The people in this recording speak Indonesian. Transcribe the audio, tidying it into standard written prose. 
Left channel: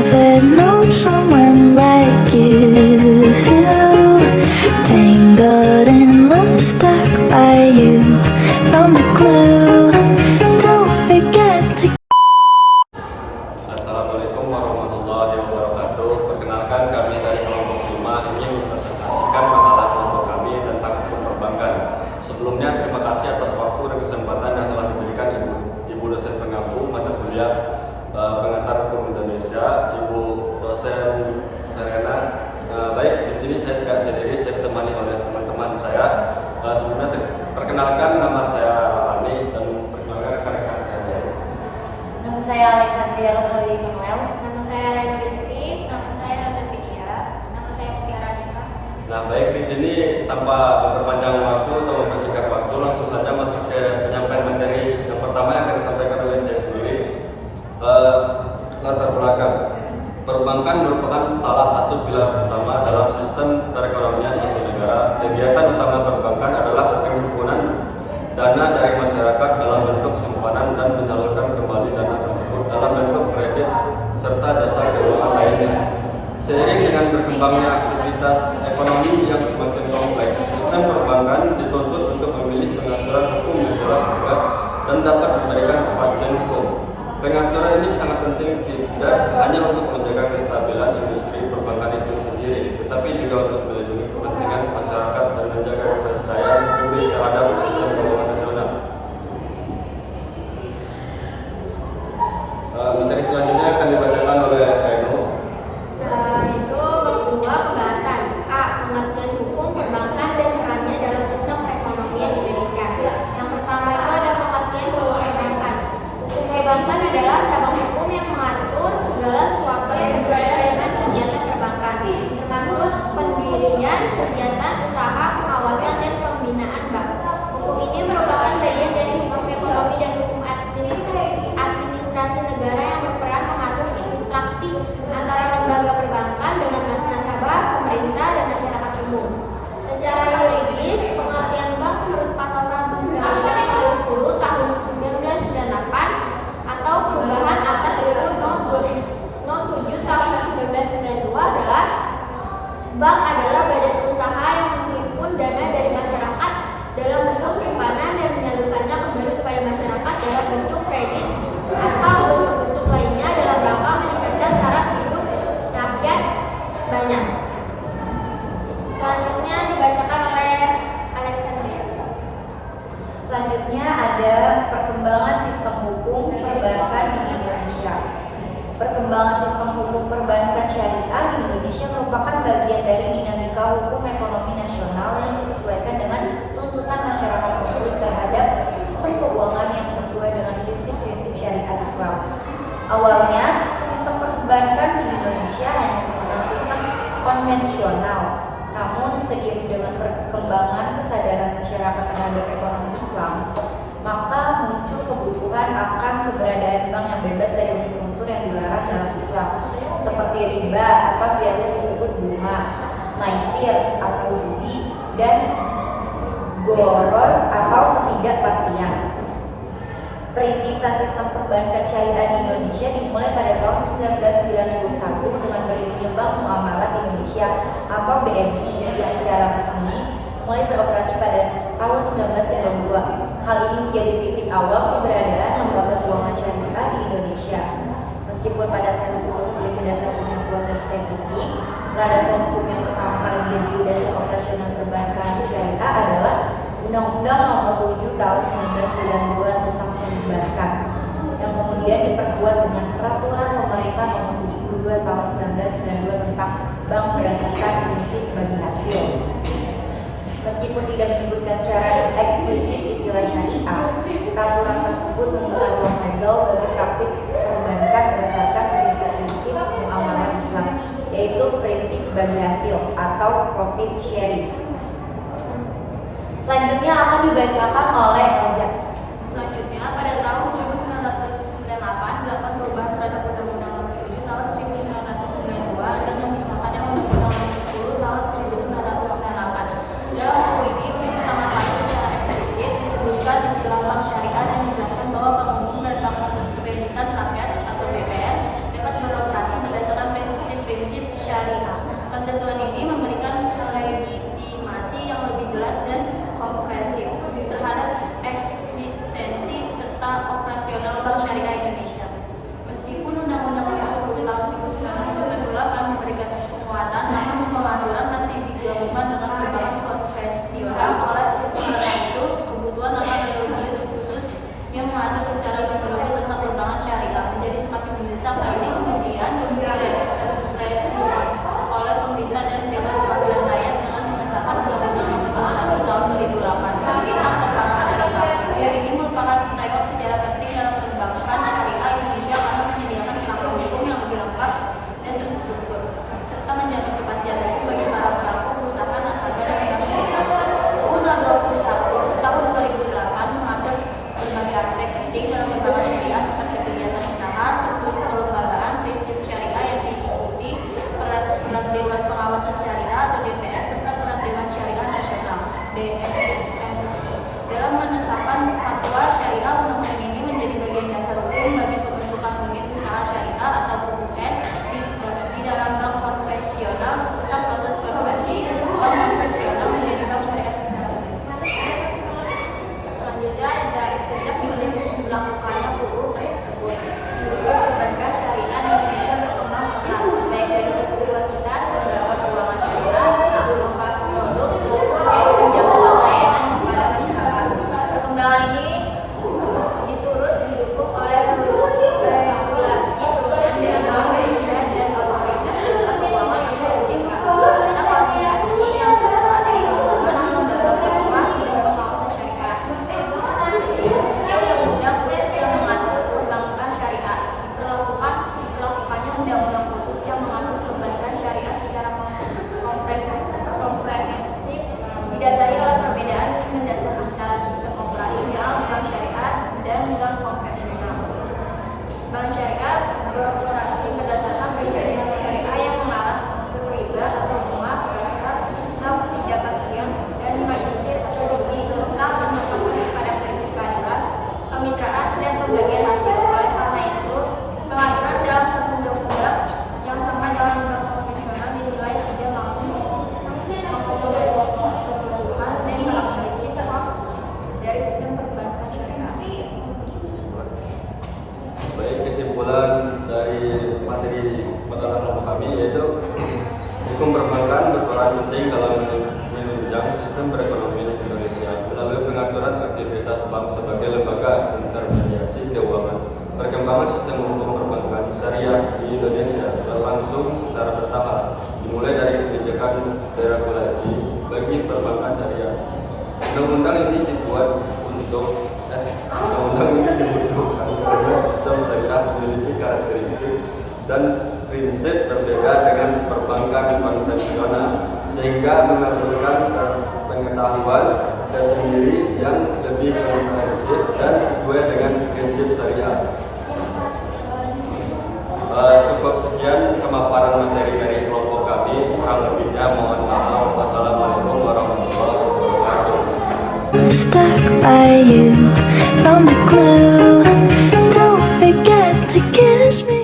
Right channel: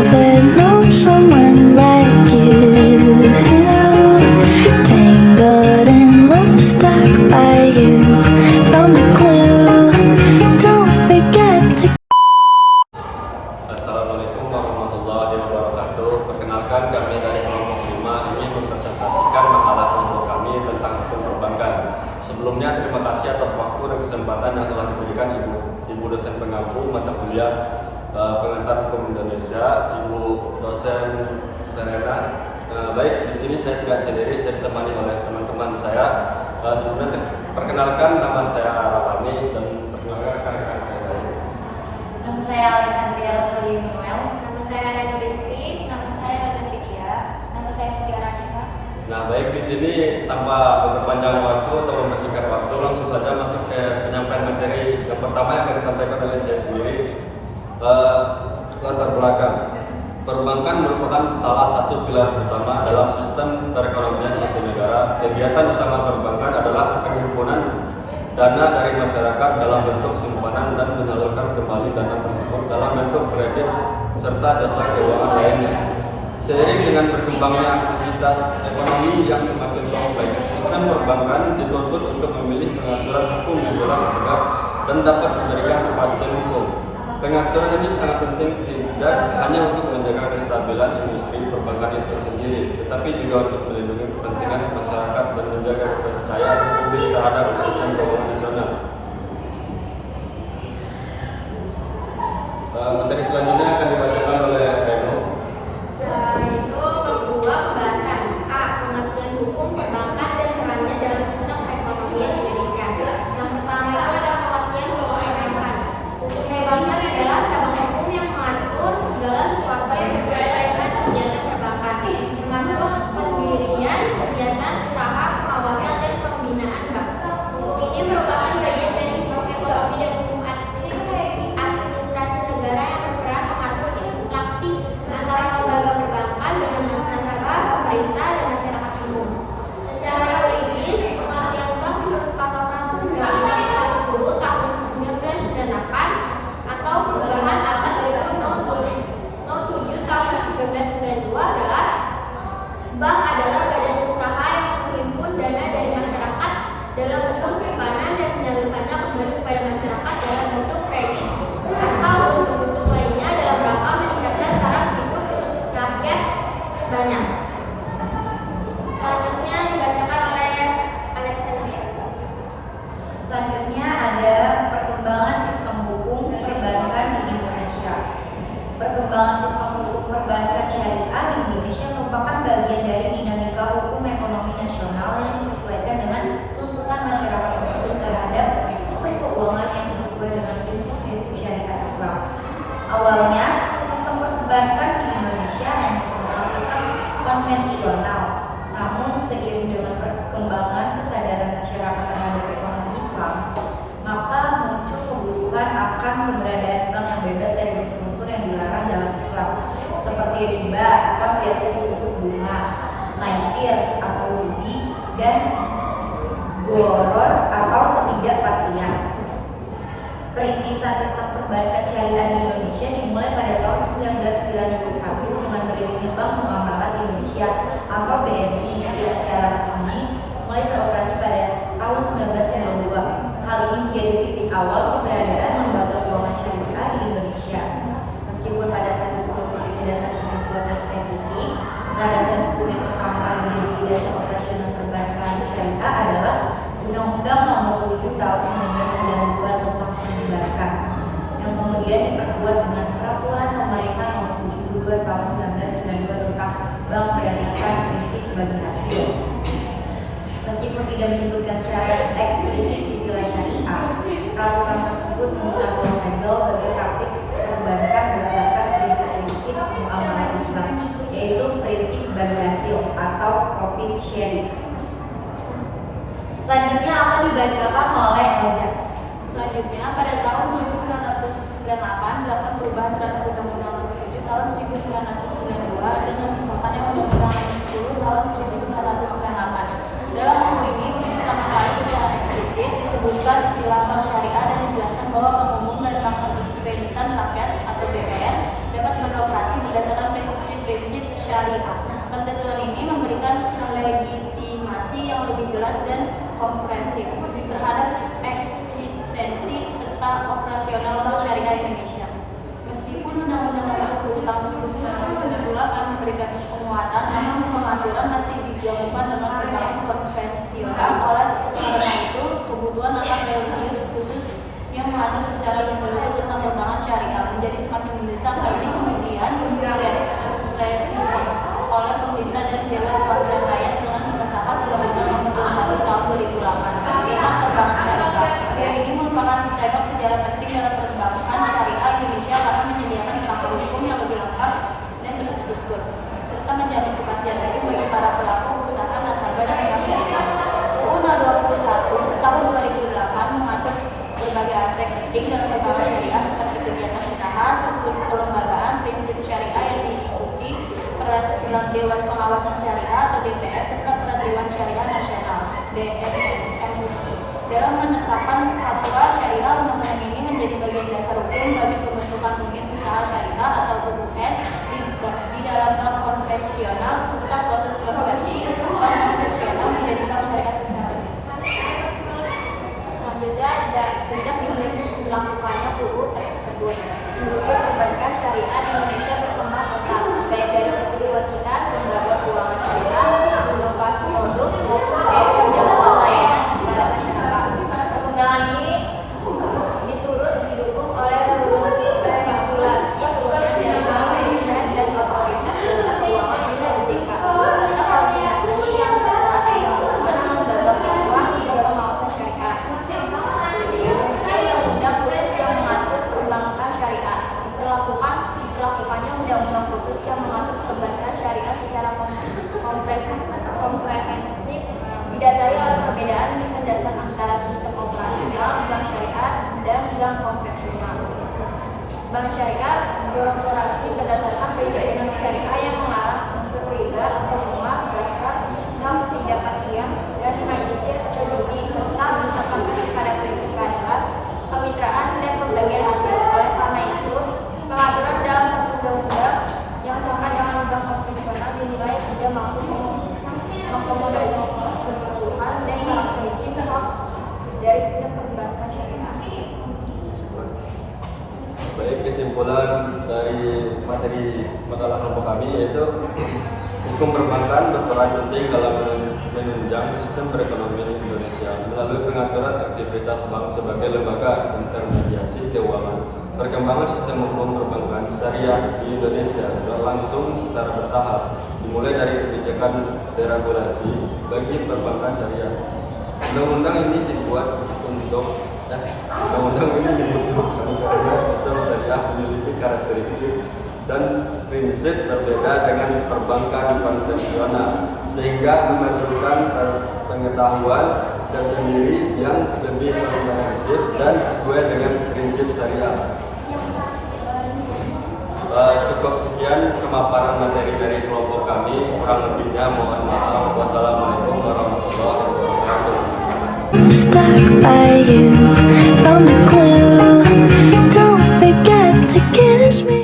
never known someone like you. Tangled in love, stuck by you. Found a clue. Don't forget to. Assalamualaikum warahmatullahi wabarakatuh. Perkenalkan, kami dari kelompok 5 ingin mempresentasikan makalah kelompok kami tentang hukum perbankan. Sebelumnya, terima kasih atas waktu dan kesempatan yang telah diberikan Ibu dosen pengampu mata kuliah pengantar hukum Indonesia, Ibu dosen Serena. Baik, di sini saya tidak sendiri, saya ditemani oleh teman-teman saya. Sebelumnya perkenalkan, nama saya Rafani dan perkenalkan rekan-rekan saya lain. Nama saya Alexandria Rosali Manuel. Nama saya Rena Desti. Nama saya Raja Vidya. Nama saya Tiara Anissa. Nah, baik, di sini tanpa memperpanjang waktu atau mempersingkat waktu, langsung saja masuk ke penyampaian materi yang pertama yang akan disampaikan oleh saya sendiri. Latar belakang. Perbankan merupakan salah satu pilar utama dalam sistem perekonomian suatu negara. Kegiatan utama perbankan adalah penghimpunan dana dari masyarakat dalam bentuk simpanan dan menyalurkan kembali dana tersebut dalam bentuk kredit serta jasa keuangan lainnya. Seiring dengan berkembangnya aktivitas ekonomi yang semakin kompleks, sistem perbankan dituntut untuk memilih pengaturan hukum yang jelas, tegas, dan dapat memberikan kepastian hukum. Pengaturan ini sangat penting tidak hanya untuk menjaga kestabilan industri perbankan itu sendiri, tetapi juga untuk melindungi kepentingan masyarakat dan menjaga kepercayaan publik terhadap sistem keuangan nasional. Materi selanjutnya akan dibacakan oleh Reno. Itu kedua pembahasan A. Pengertian hukum perbankan dan perannya dalam sistem perekonomian Indonesia. Yang pertama itu ada pengertian hukum perbankan. Hukum perbankan adalah cabang hukum yang mengatur segala sesuatu yang berkaitan dengan kegiatan perbankan, termasuk pendirian, kegiatan, usaha, pengawasan, dan pembinaan bank. Hukum ini merupakan bagian dari hukum ekonomi dan hukum administrasi negara yang berperan mengatur interaksi antara lembaga perbankan dengan nasabah, pemerintah, dan masyarakat umum. Secara yuridis, pengertian bank menurut pasal 1 Undang-Undang Nomor 10 Tahun 1998 atau perubahan atas UU No. 7 Tahun 1992 adalah bank adalah badan usaha yang menghimpun dana dari masyarakat dalam bentuk simpanan dan menyalurkannya kembali kepada masyarakat dalam bentuk kredit atau bentuk-bentuk lainnya dalam rangka meningkatkan taraf hidup rakyat banyak. Selanjutnya dibacakan oleh Alexandria. Selanjutnya ada perkembangan sistem hukum perbankan di Indonesia. Perkembangan sistem hukum perbankan syariah di Indonesia merupakan bagian dari dinamika hukum ekonomi nasional yang disesuaikan dengan tuntutan masyarakat muslim terhadap sistem keuangan yang sesuai dengan prinsip-prinsip syariat Islam. Awalnya, sistem perbankan di Indonesia hanya merupakan sistem konvensional. Namun, seiring dengan perkembangan kesadaran masyarakat terhadap ekonomi Islam, maka muncul kebutuhan akan keberadaan bank yang bebas dari unsur-unsur yang dilarang dalam Islam, seperti riba atau biasa disebut bunga, maisir atau judi, dan goror atau ketidakpastian. Perintisan sistem perbankan syariah di Indonesia dimulai pada tahun 1991 dengan berdirinya Bank Muamalat Indonesia atau BNI yang secara resmi mulai beroperasi pada tahun 1992. Hal ini menjadi titik awal keberadaan lembaga keuangan syariah di Indonesia. Meskipun pada saat itu belum memiliki dasar hukum yang spesifik, landasan hukum yang pertama kali menjadi dasar operasional perbankan syariah adalah Undang-Undang Nomor 7 Tahun 1992 tentang perbankan, yang kemudian diperkuat dengan Peraturan Pemerintah Nomor 72 Tahun 1992 tentang bank berdasarkan prinsip bagi hasil. Meskipun tidak menyebutkan secara eksplisit istilah syariah, peraturan tersebut membuka ruang legal bagi praktik perbankan berdasarkan prinsip-prinsip muamalah Islam, yaitu prinsip bagi hasil atau profit sharing. Selanjutnya akan dibacakan oleh Elja. Selanjutnya, pada tahun 1998 dilakukan perubahan terhadap Undang-Undang Nomor 7 Tahun 1992 dengan disahkannya Undang-Undang Nomor 10 Tahun 1998. Dalam UU ini untuk pertama kali secara eksplisit disebutkan istilah bank syariah dan dijelaskan bahwa bank umum dan bank kreditan rakyat atau BKR dapat beroperasi berdasarkan jelas dan kompresif terhadap eksistensi serta operasional Bank Syariah Indonesia. Meskipun Undang-Undang Nomor 10 Tahun 1998 memberikan penguatan, namun pengaturan masih digabungkan dengan perbankan konvensional. Oleh karena itu, kebutuhan akan religius khusus yang mengatur secara menyeluruh tentang perbankan syariah menjadi semakin mendesak. Hal ini kemudian direspons oleh pemerintah dan Dewan Perwakilan Rakyat dengan mengesahkan Undang-Undang Nomor 21 Tahun 2008 tentang perbankan syariah. Ini merupakan tengok sejarah penting dalam perbankan syariah Indonesia karena menyediakan kerangka hukum yang lebih lengkap dan terstruktur, serta menjamin kepastian hukum bagi para pelaku usaha nasabah dan bank syariah. UU 21 Tahun 2008 mengatur berbagai aspek penting dalam perbankan syariah seperti kegiatan usaha, struktur kelembagaan, prinsip syariah yang diikuti, peran Dewan Pengawasan Syariah atau DPS, serta peran Dewan Syariah Nasional (DSN-MUI). Dalam menetapkan fatwa syariah, undang-undang ini menjadi bagian dasar hukum bagi pembentukan unit usaha syariah atau UUS di dalam bank konvensional serta proses konversi bank konvensional menjadi bank syariah secara umum. Selanjutnya ada sejak dilakukannya UU tersebut, industri perbankan syariah di Indonesia berkembang pesat, baik dari sisi kuantitas lembaga keuangan syariah, inovasi produk, maupun penjangkauan layanan kepada masyarakat. Perkembangan ini didukung oleh regulasi turunan dari Bank Indonesia dan otoritas jasa keuangan atau OJK, serta koordinasi yang serat dilakukan lembaga fatwa dan pengawasan syariah. Undang-undang khusus yang mengatur perbankan syariah diperlakukannya undang-undang khusus yang mengatur perbankan syariah secara komprehensif didasari oleh perbedaan mendasar antara sistem operasional bank syariah dan bank konvensional. Bank syariah beroperasi berdasarkan prinsip syariah yang melarang unsur riba atau bunga, zakat, ketidakpastian, dan maisir atau judi, serta menetapkan kepada prinsip keadilan, kemitraan, dan pembagian hasil. Oleh karena itu, pengaturan dalam satu undang-undang yang sama dengan bank konvensional dinilai tidak mampu mengakomodasi kebutuhan dan karakteristik khas dari sistem perbankan syariah. Baik, kesimpulan dari materi makalah kelompok kami yaitu hukum perbankan berperan penting dalam menunjang sistem perekonomian Indonesia melalui pengaturan aktivitas bank sebagai lembaga intermediasi keuangan. Perkembangan sistem hukum perbankan syariah di Indonesia berlangsung secara bertahap, dimulai dari kebijakan deregulasi bagi perbankan syariah. Undang-undang ini dibutuhkan karena sistem syariah memiliki karakteristik dan prinsip berbeda dengan perbankan konvensional, sehingga memerlukan pengetahuan tersendiri yang lebih komprehensif dan sesuai dengan prinsip syariah. Cukup sekian pemaparan materi dari kelompok kami, kurang lebihnya mohon maaf. Wassalamualaikum warahmatullahi wabarakatuh. Stuck by you, found the clue. Don't forget to kiss me.